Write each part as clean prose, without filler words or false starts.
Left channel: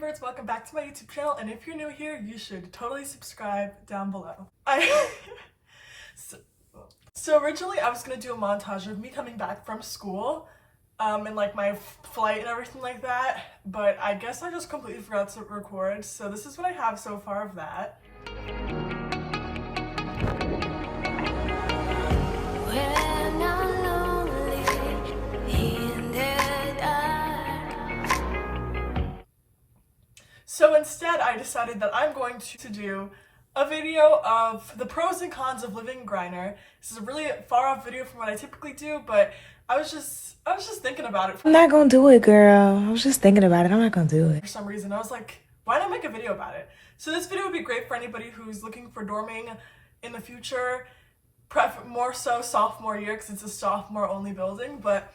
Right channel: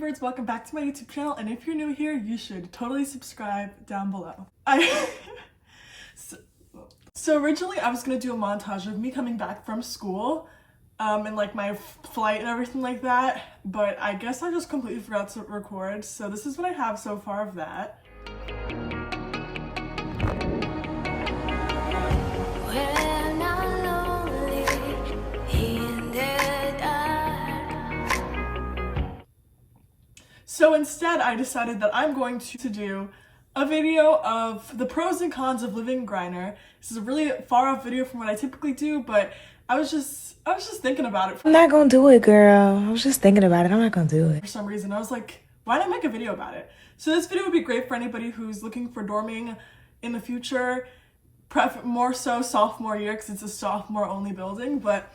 BreDeeBirds, welcome back to my YouTube channel, and if you're new here, you should totally subscribe down below. So originally I was gonna do a montage of me coming back from school, and like my flight and everything like that, but I guess I just completely forgot to record, so this is what I have so far of that. So instead, I decided that I'm going to do a video of the pros and cons of living in Greiner. This is a really far off video from what I typically do, but I was just thinking about it. I'm not gonna do it, girl. I was just thinking about it. I'm not gonna do it. For some reason, I was like, why not make a video about it? So this video would be great for anybody who's looking for dorming in the future, more so sophomore year, because it's a sophomore only building, but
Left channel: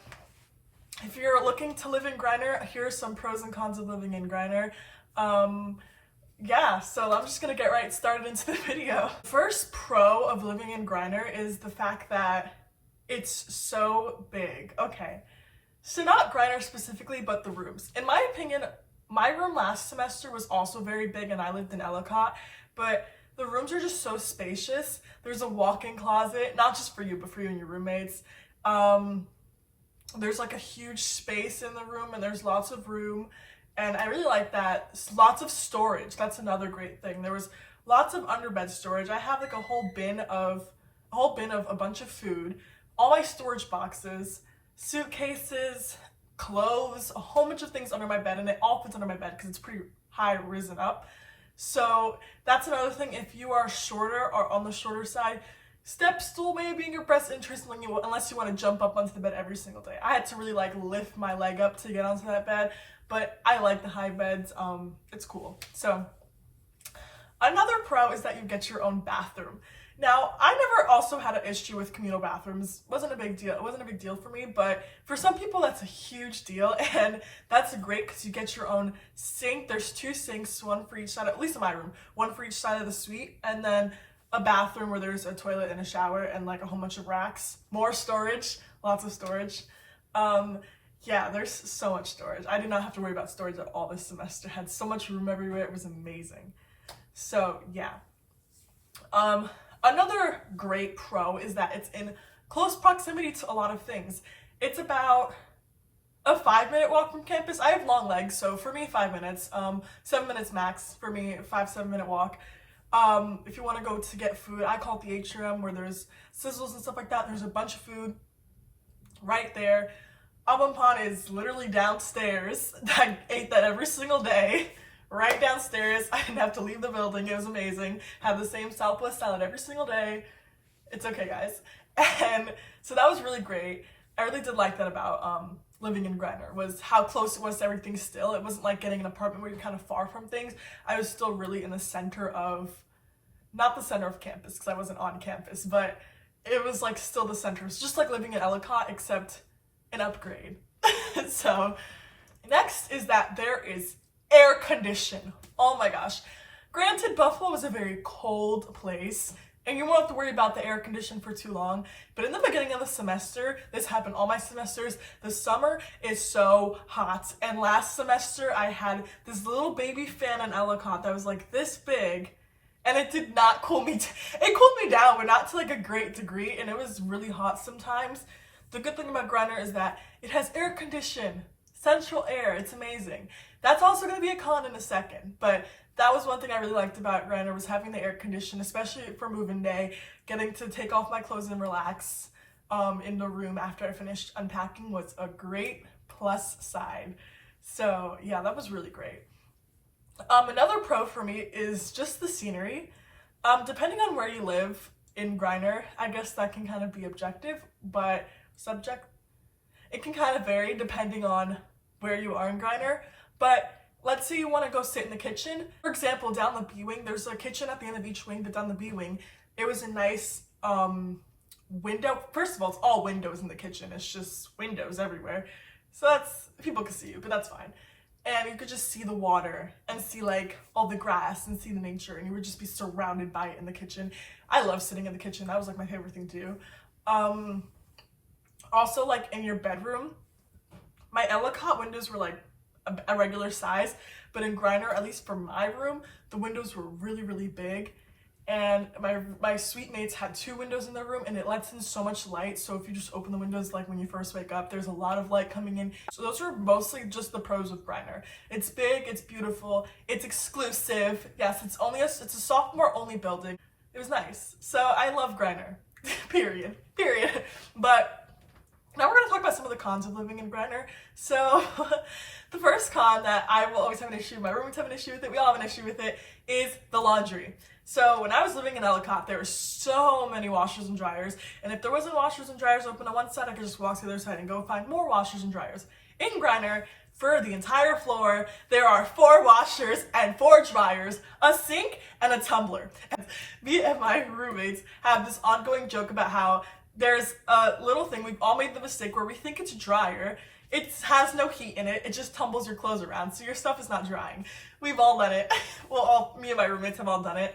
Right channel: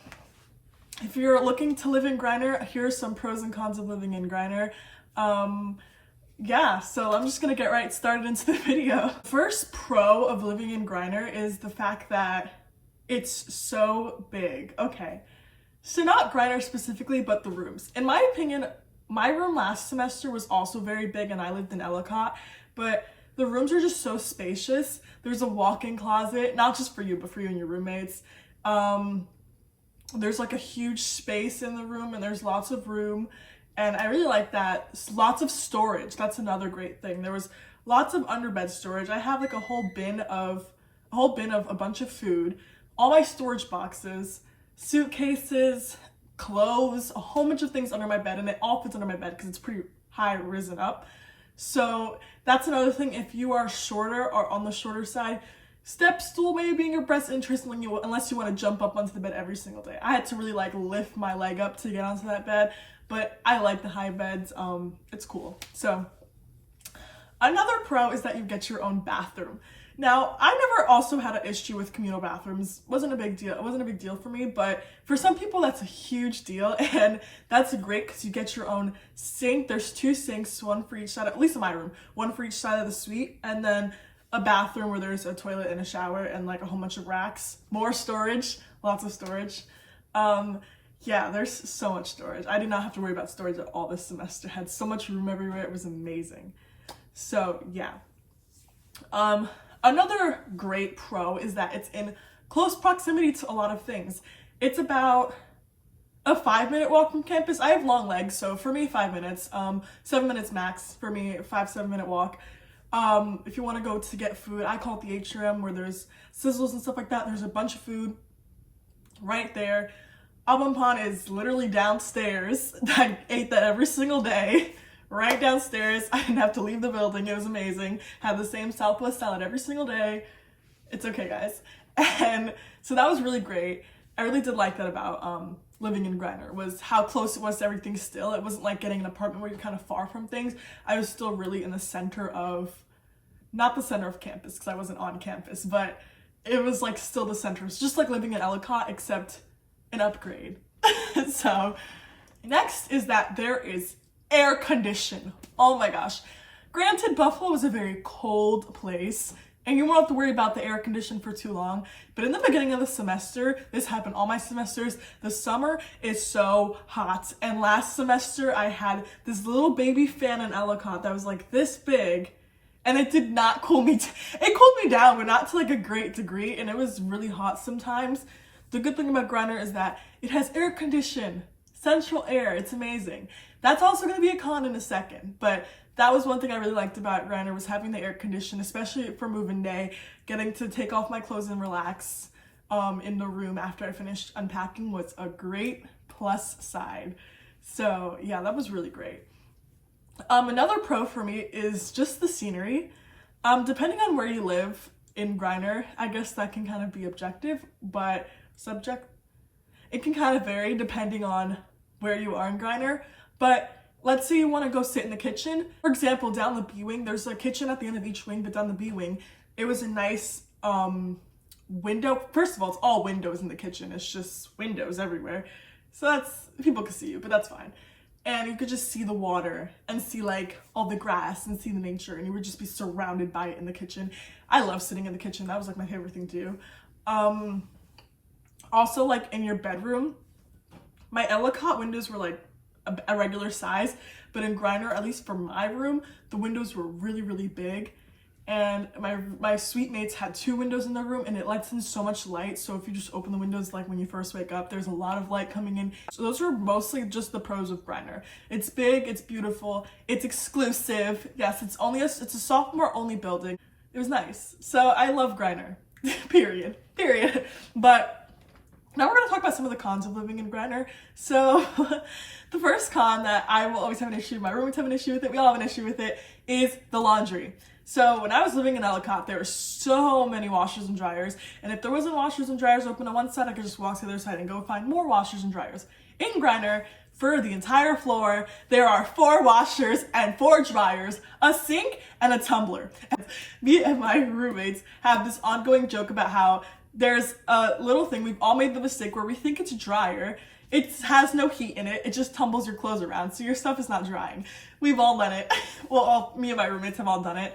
if you're looking to live in Greiner, here are some pros and cons of living in Greiner. Yeah, so I'm just gonna get right started into the video. First pro of living in Greiner is the fact that it's so big. Okay, so not Greiner specifically, but the rooms. In my opinion, my room last semester was also very big and I lived in Ellicott, but the rooms are just so spacious. There's a walk-in closet, not just for you, but for you and your roommates. There's like a huge space in the room and there's lots of room. And I really like that. Lots of storage. That's another great thing. There was lots of underbed storage. I have like a whole bin of a bunch of food, all my storage boxes, suitcases, clothes, a whole bunch of things under my bed, and it all fits under my bed because it's pretty high risen up. So that's another thing. If you are shorter or on the shorter side, step stool may be in your best interest unless you want to jump up onto the bed every single day. I had to really like lift my leg up to get onto that bed, but I like the high beds. It's cool. So another pro is that you get your own bathroom. Now, I never also had an issue with communal bathrooms. It wasn't a big deal for me, but for some people that's a huge deal, and that's great because you get your own sink. There's 2 sinks, one for each side, at least in my room, one for each side of the suite, and then a bathroom where there's a toilet and a shower and like a whole bunch of racks. More storage, lots of storage. Yeah, there's so much storage. I did not have to worry about storage at all this semester. I had so much room everywhere. It was amazing. So yeah. Another great pro is that it's in close proximity to a lot of things. It's about a 5-minute walk from campus. I have long legs, so for me 5 minutes. 7 minutes max for me, 5-7 minute walk. If you want to go to get food, I call it the atrium where there's sizzles and stuff like that. There's a bunch of food right there. Abonpan is literally downstairs. I ate that every single day, right downstairs. I didn't have to leave the building. It was amazing. Had the same Southwest salad every single day. It's okay, guys. And so that was really great. I really did like that about living in Greiner, was how close it was to everything still. It wasn't like getting an apartment where you're kind of far from things. I was still really in the center of, not the center of campus because I wasn't on campus, but it was like still the center. It's just like living in Ellicott except an upgrade. So next is that there is air condition. Oh my gosh. Granted, Buffalo is a very cold place and you won't have to worry about the air condition for too long, but in the beginning of the semester, this happened all my semesters, the summer is so hot. And last semester I had this little baby fan in Ellicott that was like this big, and it did not cool me. It cooled me down, but not to like a great degree, and it was really hot sometimes. The good thing about Greiner is that it has air condition, central air. It's amazing. That's also going to be a con in a second, but that was one thing I really liked about Greiner, was having the air condition, especially for move-in day. Getting to take off my clothes and relax in the room after I finished unpacking was a great plus side. So yeah, that was really great. Another pro for me is just the scenery. Depending on where you live in Greiner, I guess that can kind of be objective, but it can kind of vary depending on where you are in Greiner. But let's say you want to go sit in the kitchen. For example, down the B wing, there's a kitchen at the end of each wing, but down the B wing, it was a nice window. First of all, it's all windows in the kitchen. It's just windows everywhere. So that's, people can see you, but that's fine. And you could just see the water and see like all the grass and see the nature, and you would just be surrounded by it in the kitchen. I love sitting in the kitchen. That was like my favorite thing to do. Also, like in your bedroom, my Ellicott windows were like a regular size, but in Greiner, at least for my room, the windows were really, really big. And my suite mates had 2 windows in their room, and it lets in so much light. So if you just open the windows like when you first wake up, there's a lot of light coming in. So those are mostly just the pros of Greiner. It's big, it's beautiful, it's exclusive. Yes, it's a sophomore only building. It was nice. So I love Greiner. Period. But now we're gonna talk about some of the cons of living in Greiner. So the first con that I will always have an issue, my roommates have an issue with it, we all have an issue with it, is the laundry. So when I was living in Ellicott, there were so many washers and dryers, and if there wasn't washers and dryers open on one side, I could just walk to the other side and go find more washers and dryers. In Greiner, for the entire floor, there are 4 washers and 4 dryers, a sink, and a tumbler. And me and my roommates have this ongoing joke about how there's a little thing, we've all made the mistake where we think it's a dryer. It has no heat in it. It just tumbles your clothes around, so your stuff is not drying. We've all done it. Well, me and my roommates have all done it.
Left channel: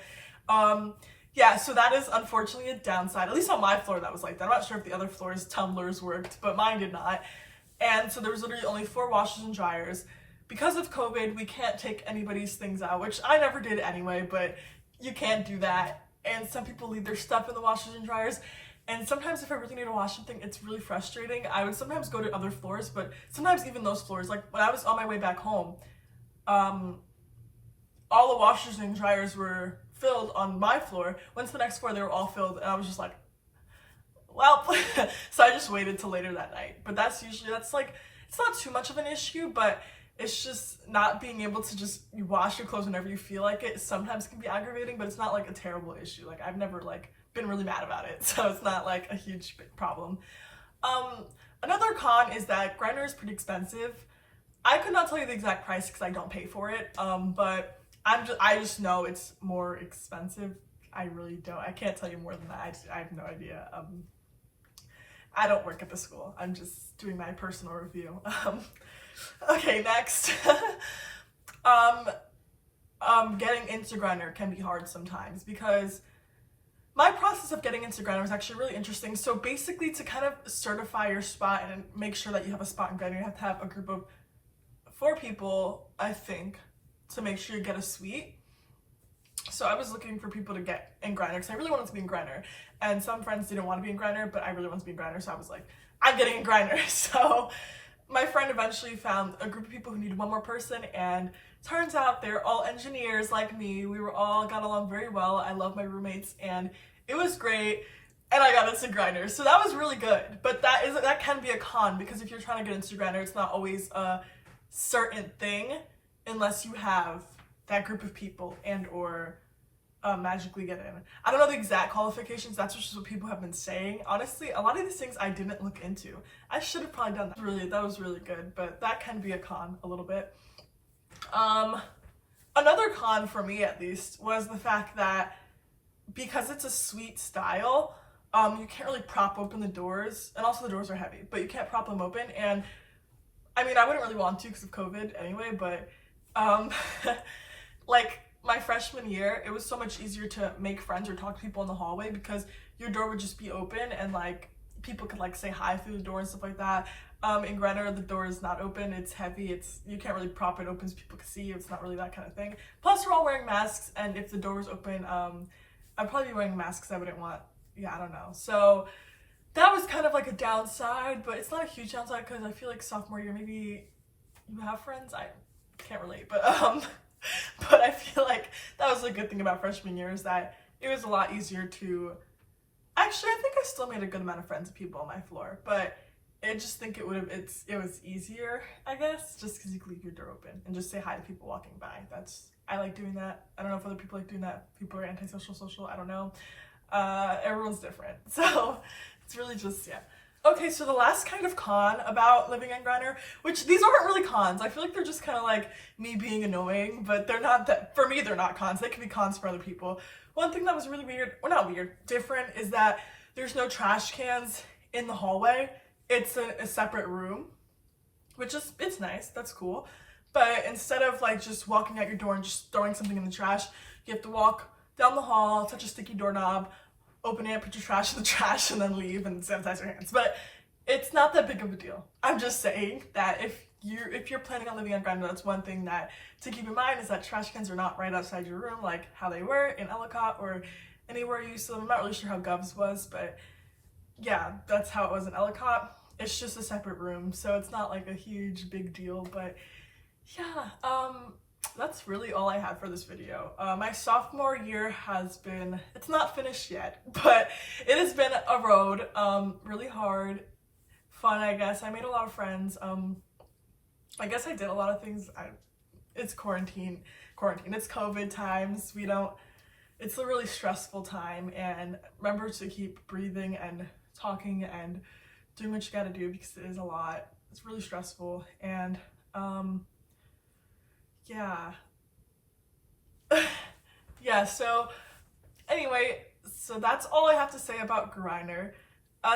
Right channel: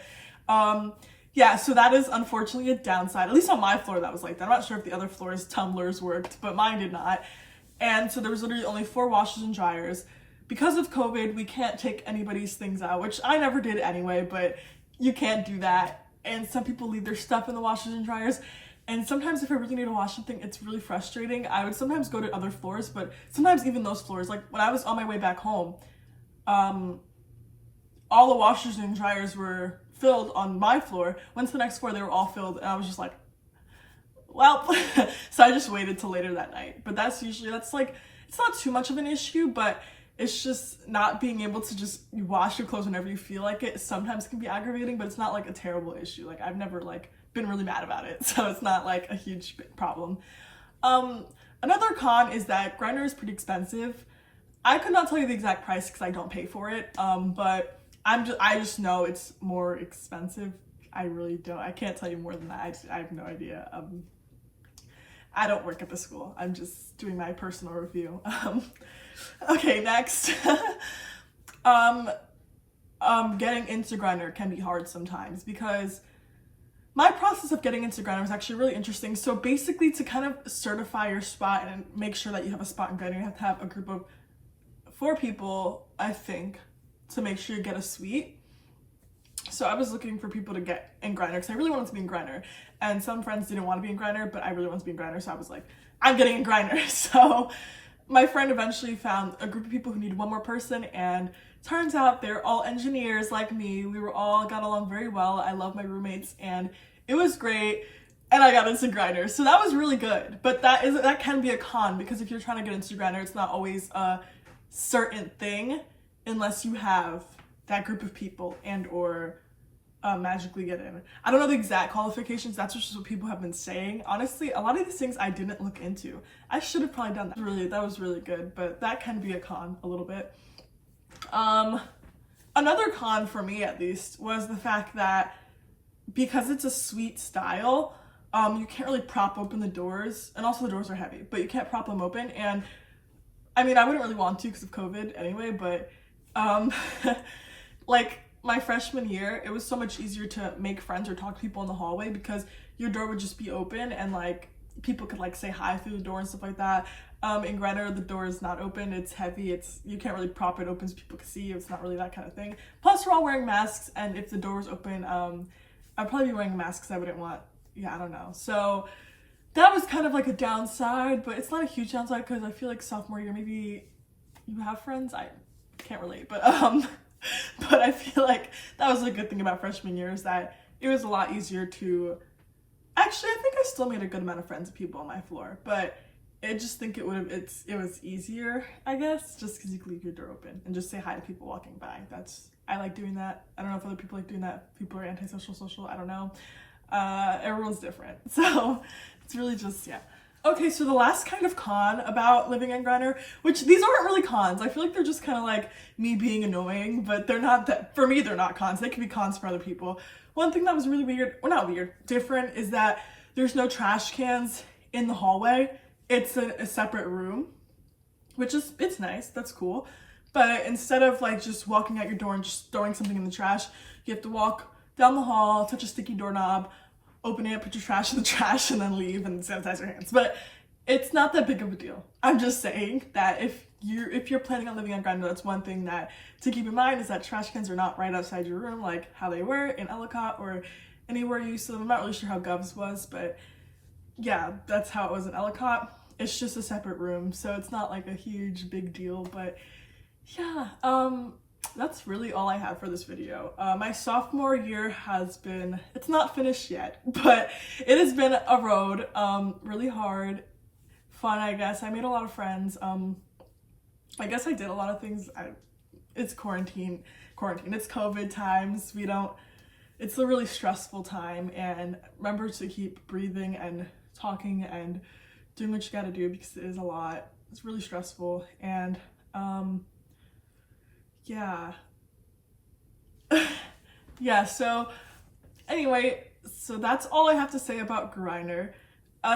Yeah, so that is unfortunately a downside. At least on my floor that was like that. I'm not sure if the other floors' tumblers worked, but mine did not. And so there was literally only 4 washers and dryers. Because of COVID, we can't take anybody's things out, which I never did anyway, but you can't do that. And some people leave their stuff in the washers and dryers. And sometimes if I really need to wash something, it's really frustrating. I would sometimes go to other floors, but sometimes even those floors, like when I was on my way back home, all the washers and dryers were filled on my floor. Went to the next floor, they were all filled, and I was just like, well, so I just waited till later that night. But that's like, it's not too much of an issue, but it's just not being able to just wash your clothes whenever you feel like it sometimes can be aggravating, but it's not like a terrible issue. Like I've never like been really mad about it, so it's not like a huge problem. Another con is that Greiner is pretty expensive. I could not tell you the exact price because I don't pay for it, but I just know it's more expensive. I really don't. I can't tell you more than that. I have no idea. I don't work at the school. I'm just doing my personal review. Okay, next. Getting into Greiner can be hard sometimes because my process of getting into Greiner was actually really interesting. So basically, to kind of certify your spot and make sure that you have a spot in Greiner, you have to have a group of 4 people, I think, to make sure you get a suite. So I was looking for people to get in Greiner because I really wanted to be in Greiner, and some friends didn't want to be in Greiner, but I really wanted to be in Greiner, so I was like, I'm getting in Greiner. So my friend eventually found a group of people who needed 1 more person, and turns out they're all engineers like me. We were all got along very well. I love my roommates, and it was great, and I got into Greiner, so that was really good. But that can be a con because if you're trying to get into Greiner, it's not always a certain thing unless you have that group of people and or magically get in. I don't know the exact qualifications. That's just what people have been saying. Honestly, a lot of these things I didn't look into. I should have probably done that. That was really good, but that can be a con a little bit. Another con for me at least was the fact that because it's a suite style, you can't really prop open the doors, and also the doors are heavy, but you can't prop them open. And I mean, I wouldn't really want to because of COVID anyway, but like my freshman year, it was so much easier to make friends or talk to people in the hallway because your door would just be open and like people could like say hi through the door and stuff like that. In Greiner, the door is not open, it's heavy, you can't really prop it open so people can see you, it's not really that kind of thing. Plus we're all wearing masks, and if the door was open, I'd probably be wearing a mask because I wouldn't want, I don't know. So that was kind of like a downside, but it's not a huge downside because I feel like sophomore year, maybe you have friends, I can't relate, but but I feel like that was a good thing about freshman year is that it was a lot easier to, actually I think I still made a good amount of friends with people on my floor, but I just think it was easier, I guess, just because you could leave your door open and just say hi to people walking by. I like doing that. I don't know if other people like doing that. People are antisocial, social, I don't know. Everyone's different, so it's really just, yeah. Okay, so the last kind of con about living in Greiner, which these aren't really cons. I feel like they're just kind of like me being annoying, but they're not that, for me, they're not cons. They can be cons for other people. One thing that was really weird, well not weird, different, is that there's no trash cans in the hallway. It's a separate room, which is, it's nice, that's cool. But instead of like just walking out your door and just throwing something in the trash, you have to walk down the hall, touch a sticky doorknob, open it, put your trash in the trash, and then leave and sanitize your hands. But it's not that big of a deal. I'm just saying that if if you're planning on living on Greiner, that's one thing that to keep in mind is that trash cans are not right outside your room like how they were in Ellicott or anywhere you used to live. I'm not really sure how Gov's was, but yeah, that's how it was in Ellicott. It's just a separate room, so it's not like a huge big deal, but yeah, that's really all I have for this video. My sophomore year has been, it's not finished yet, but it has been a road, really hard, fun, I guess. I made a lot of friends. I guess I did a lot of things. It's quarantine, it's COVID times. It's a really stressful time, and remember to keep breathing and talking and doing what you gotta do because it is a lot. It's really stressful, and yeah. Yeah, so anyway, so that's all I have to say about Greiner.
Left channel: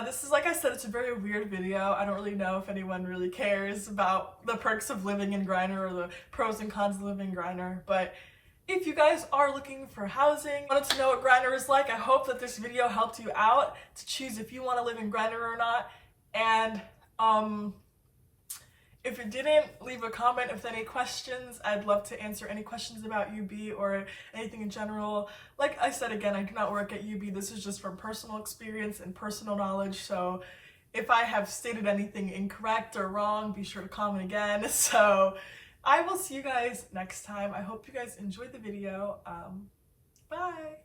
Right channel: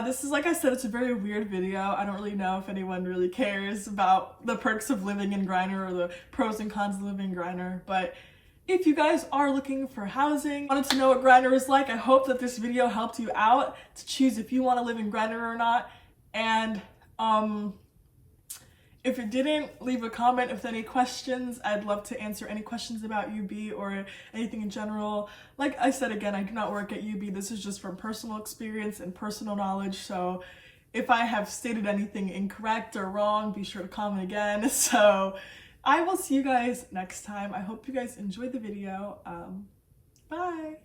This is, like I said, it's a very weird video. I don't really know if anyone really cares about the perks of living in Greiner or the pros and cons of living in Greiner, but if you guys are looking for housing, wanted to know what Greiner is like, I hope that this video helped you out to choose if you want to live in Greiner or not. And if it didn't, leave a comment with any questions. I'd love to answer any questions about UB or anything in general. Like I said again, I do not work at UB. This is just from personal experience and personal knowledge. So if I have stated anything incorrect or wrong, be sure to comment again. So I will see you guys next time. I hope you guys enjoyed the video. Bye.